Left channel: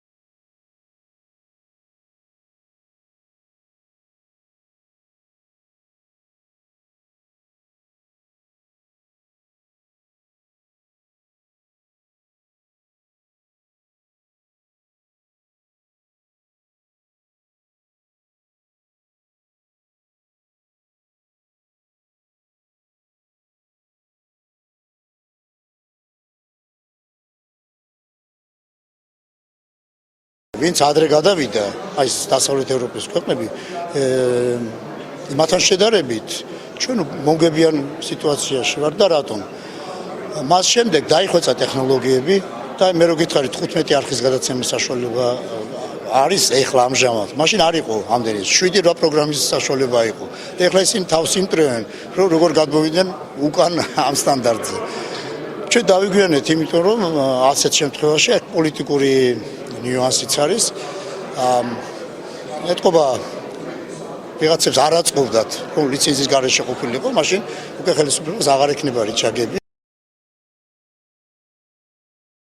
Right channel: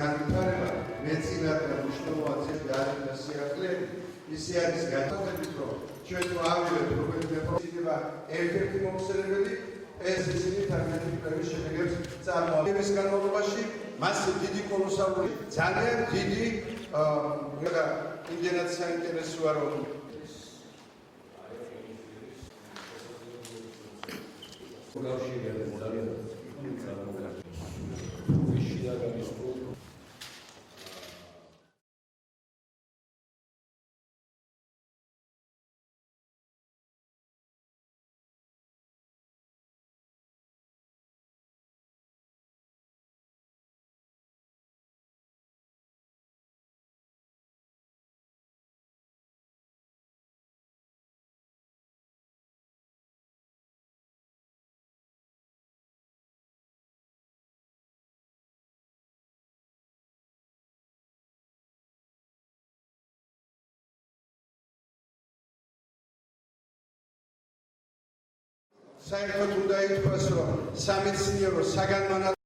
განვითარება მეცნიერად და მნიშვნელოვანი არის სიახლეები, ისე არის განათლებით, რომ ჩვენ თუ ავიღებთ როგორც მეპროცედურა ერთ-ერთი მომხსენებელი ეს ისინი თანამედროვე შედეგებს წარმოადგენს განმავლობაში მას დიდი კოლოსალური ძალიან დიდი იმდენად საინტერესოა რომ ვინც ადრე გადავიდა, აი დასავლეთ ევროპის ქვეყნები, მათთან შედარებით ჩვენ მომგებიან სიტუაციაში ვარ და რატომ? მას შემდეგ დაიხვეწა ტექნოლოგიები და მე რო გითხარით 15 არხის გადაცემის საშუალება არის ეხლა ამჟამად. მაშინ არ იყო ამდენი 7-8 პროგრამის საშუალება იყო. და ეხლა ისინი თავს იმტრევენ, რომ როგორ გადმოვიდნენ უკან ამ სტანდარტზე. ჩვენ დავიგვიანეთ, იმიტომ რომ ასეთ შემთხვევაში პოლიტიკური ნიუანსიც არის. ეთყობა ვიღაცებს არ აწყობდათ, რომ ლიცენზიის გარეშე ყოფილიყო, მაშინ უკვე ხელისუფლებას აღარ ექნება რიჩაგები. და ითქვას, რომ სამეცნიერო საგანმანათლებლო